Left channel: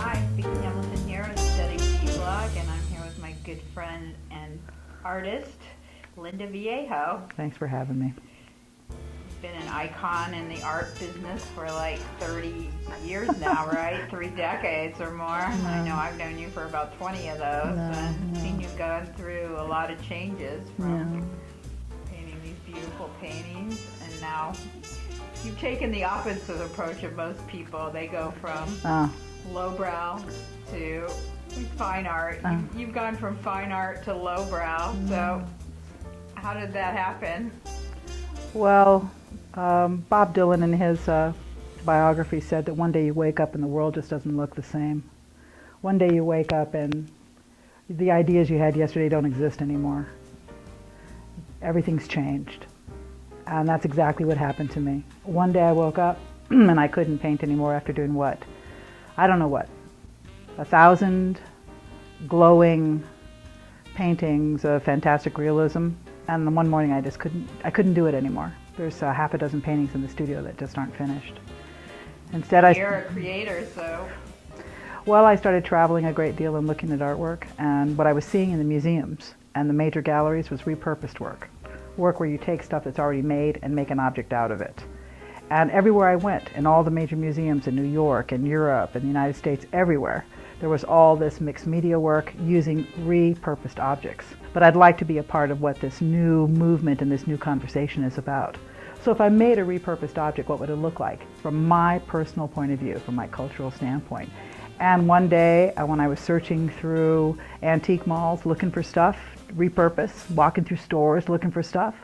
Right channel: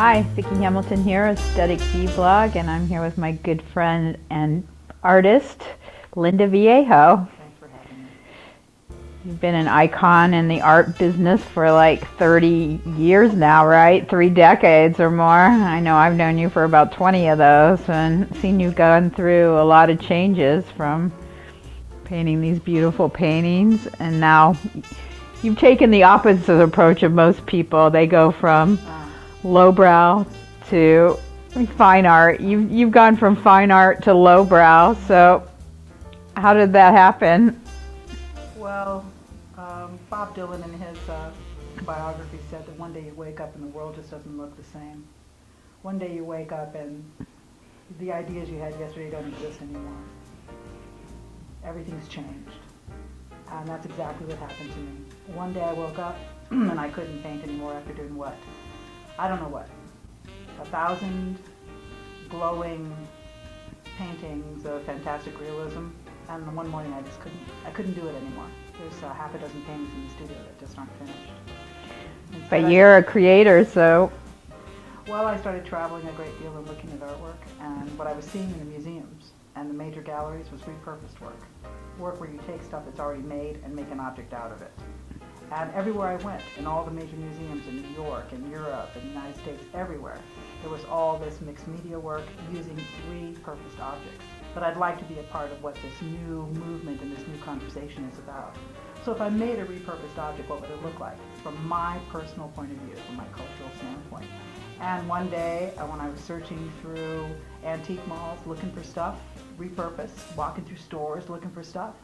Hi, Vicki Hamilton here, Aesthetic Blog, and I'm here with my good friend and artist, Linda Vallejo. Thanks for having me. You've been an icon in the art business for like 30 years now, right? 3 decades or more. I know I've known you for about 20 of those and seen you've gone through a lot of changes from painting these beautiful paintings, and now you've taken the opposite approach of most people. They go from lowbrow to fine art. You've gone from fine art to lowbrow. So how did that happen? Well, Bob Dylan in his biography said that one day you wake up and the world just doesn't look the same. One day you wake up and the ideas you had yesterday don't exist anymore. Everything's changed. And that's exactly what happened to me. One day I woke up and I couldn't paint anymore after doing what? I don't know what. 1,000 glowing paintings of fantastic realism, and then one morning I couldn't do it anymore. There's half a dozen paintings in the studio that just aren't finished. But you're a creator, so... Well, I started traveling a great deal and looking at artwork, and what I was seeing in the museums and the major galleries was repurposed work. Work where you take stuff that's already made and make an object out of it. And everywhere I went, in all the major museums in New York and Europe and the United States, everywhere, there was all this mixed media work using repurposed objects. But I'd like to be a part of what this new movement and this new conversation is about. So if I made a repurposed object, what would it look like from my personal point of view, from my cultural standpoint? And one day, when I was searching through antique malls looking for stuff, repurposed, walking through stores looking for stuff,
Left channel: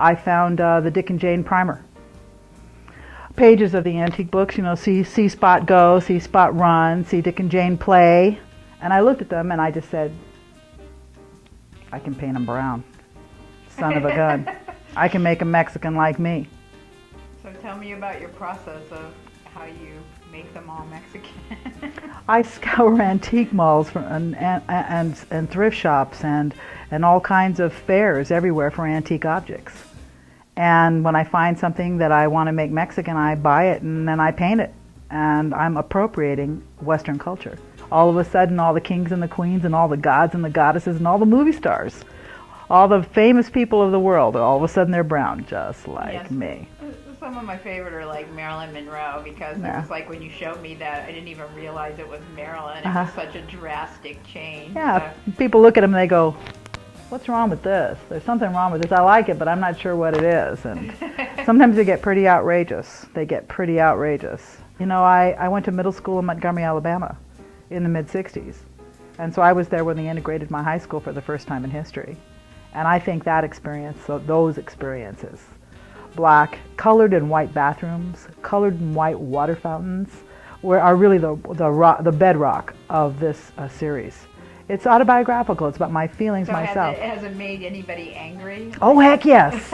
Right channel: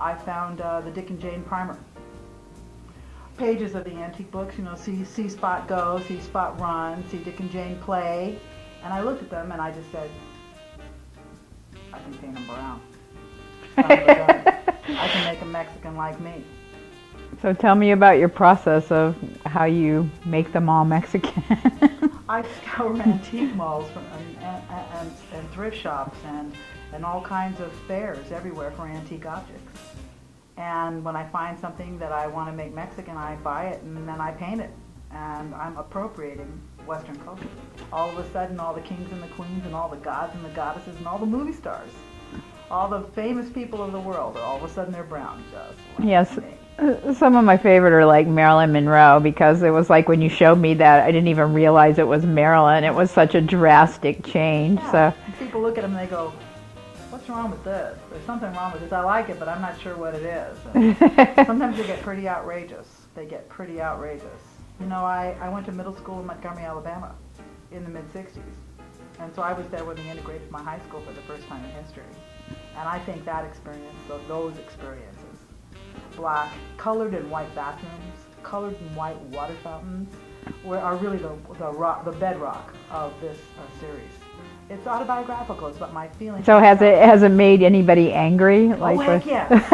I found the Dick and Jane primer. Pages of the antique books, you know, see Spot go, see Spot run, see Dick and Jane play. And I looked at them and I just said, I can paint them brown. Son of a gun. I can make them Mexican like me. So tell me about your process of how you make them all Mexican. I scour antique malls and thrift shops and all kinds of fairs everywhere for antique objects. And when I find something that I want to make Mexican, I buy it and then I paint it. And I'm appropriating Western culture. All of a sudden, all the kings and the queens and all the gods and the goddesses and all the movie stars, all the famous people of the world, all of a sudden they're brown, just like me. Some of my favorite are like Marilyn Monroe, because it was like when you showed me that, I didn't even realize it was Marilyn. It was such a drastic change. Yeah. So people look at them and they go, what's wrong with this? There's something wrong with this. I like it, but I'm not sure what it is. And sometimes they get pretty outrageous. You know, I went to middle school in Montgomery, Alabama in the mid-'60s. And so I was there when they integrated my high school for the first time in history. And I think that experience, those experiences, black, colored and white bathrooms, colored and white water fountains, are really the bedrock of this series. It's autobiographical. It's about my feelings. So has it made anybody angry? Oh, heck yes.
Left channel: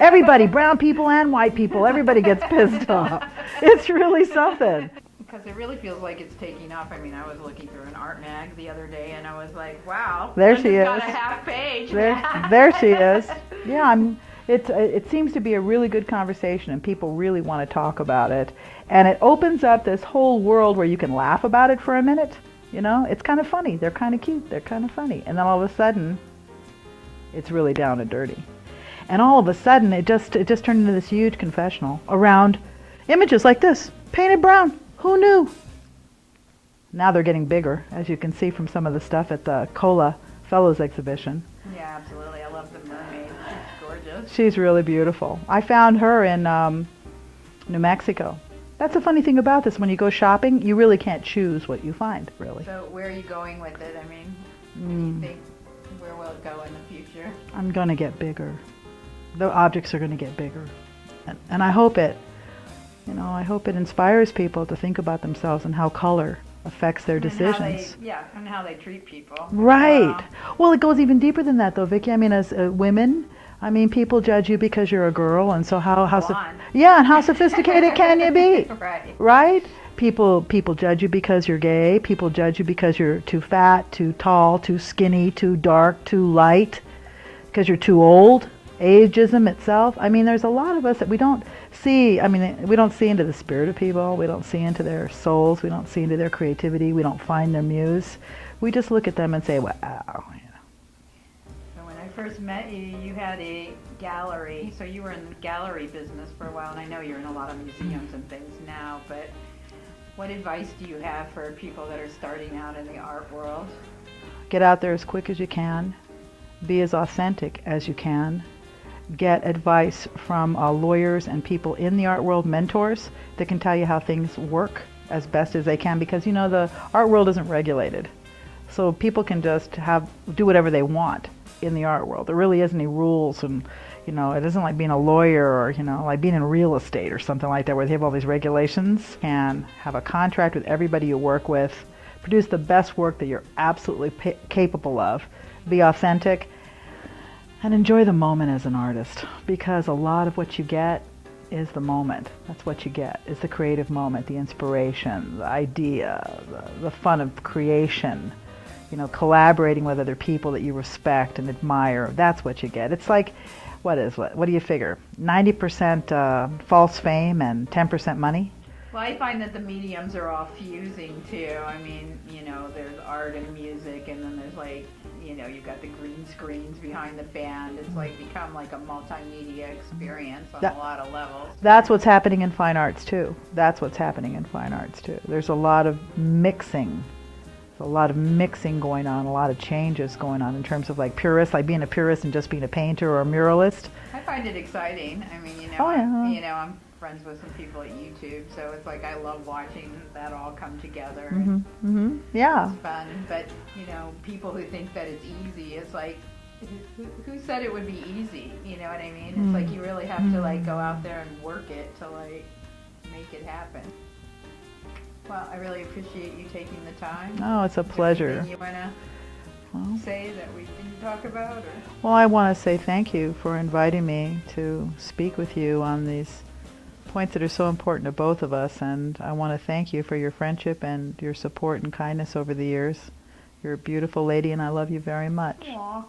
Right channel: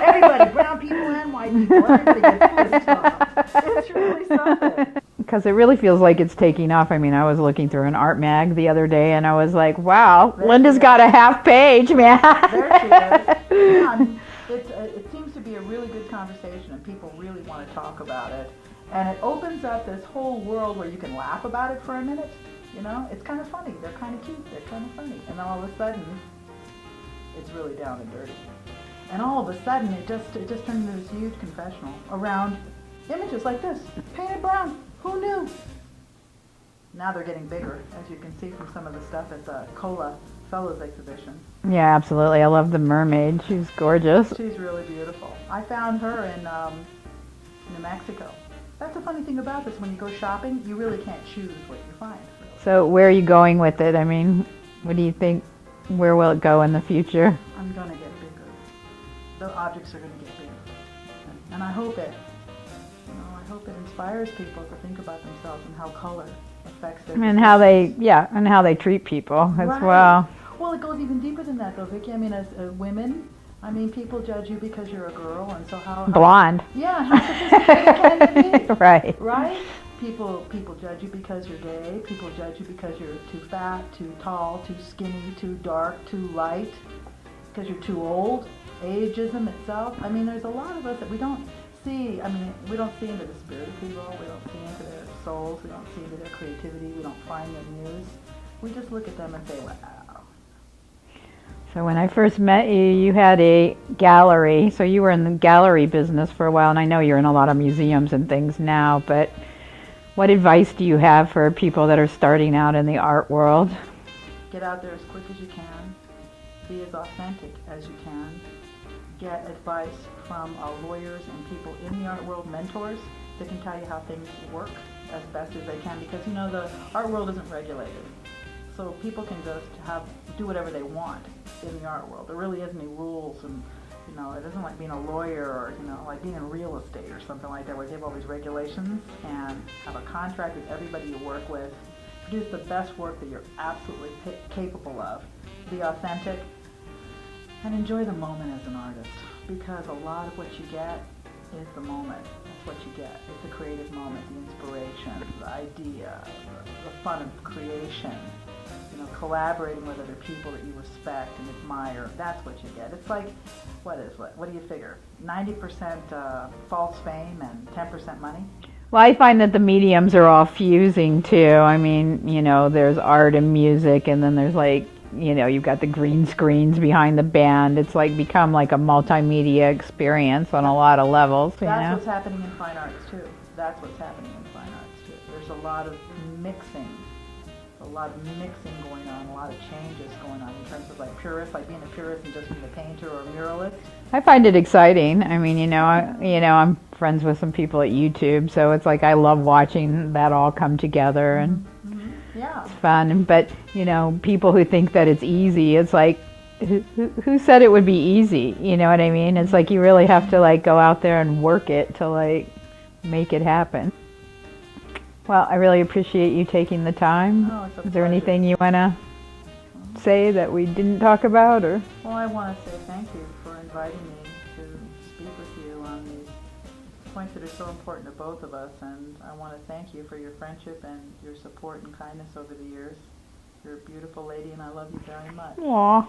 Everybody, brown people and white people, everybody gets pissed off. It's really something. Because it really feels like it's taking off. I mean, I was looking through an art mag the other day and I was like, wow, Linda's got a half page, man. There she is. Yeah, it seems to be a really good conversation and people really want to talk about it. And it opens up this whole world where you can laugh about it for a minute. You know, it's kind of funny. They're kind of cute. They're kind of funny. And then all of a sudden, it's really down and dirty. And all of a sudden, it just turned into this huge confessional around images like this, painted brown. Who knew? Now they're getting bigger, as you can see from some of the stuff at the Cola Fellows exhibition. Yeah, absolutely. I love the mermaid. She's gorgeous. She's really beautiful. I found her in New Mexico. That's the funny thing about this. When you go shopping, you really can't choose what you find, really. So where are you going with it? I mean, what do you think? Where will it go in the future? I'm going to get bigger. The objects are going to get bigger. And I hope it inspires people to think about themselves and how color affects their decisions. And how they treat people as right. Well, it goes even deeper than that, though, Vicki. I mean, as women, people judge you because you're a girl, and so how blonde. Yeah, and how sophisticated can you be? Right. Right? People judge you because you're gay. People judge you because you're too fat, too tall, too skinny, too dark, too light, because you're too old. ageism itself. I mean, there's a lot of us that we don't see. I mean, we don't see into the spirit of people. We don't see into their souls. We don't see into their creativity. We don't find their muse. We just look at them and say, wow. So when I first met you, you had a gallery. So you were in the gallery business for a while, and I know you're in a lot of museums and things now, but what advice do you have for people that are starting out in the art world? Get out there as quick as you can. Be as authentic as you can. Get advice from lawyers and people in the art world, mentors that can tell you how things work as best as they can, because you know the art world isn't regulated. So people can just do whatever they want in the art world. There really isn't any rules, and you know, it isn't like being a lawyer or, you know, like being in real estate or something like that where they have all these regulations. And have a contract with everybody you work with. Produce the best work that you're absolutely capable of. Be authentic and enjoy the moment as an artist, because a lot of what you get is the moment. That's what you get, is the creative moment, the inspiration, the idea, the fun of creation, you know, collaborating with other people that you respect and admire. That's what you get. It's like, what do you figure? 90% false fame and 10% money? Well, I find that the mediums are all fusing too. I mean, you know, there's art and music, and then there's like, you know, you've got the green screens behind the band. It's like become like a multimedia experience on a lot of levels. That's what's happening in fine arts too. That's what's happening in fine arts too. There's a lot of mixing. A lot of mixing going on, a lot of changes going on in terms of like purists, like being a purist and just being a painter or a muralist. I find it exciting. I mean, you know, I'm friends with some people at YouTube, so it's like I love watching that all come together, and yeah, it's fun. But you know, people who think that it's easy, it's like, who said it would be easy? You know what I mean? It's like you really have to like go out there and work it to like make it happen. Well, I really appreciate you taking the time. Oh, it's a pleasure. Is there anything you want to say that we didn't talk about? Or? Well, I want to say thank you for inviting me to speak with you on these points that are so important to both of us, and I want to thank you for your friendship and your support and kindness over the years. You're a beautiful lady, and I love you very much. Aw.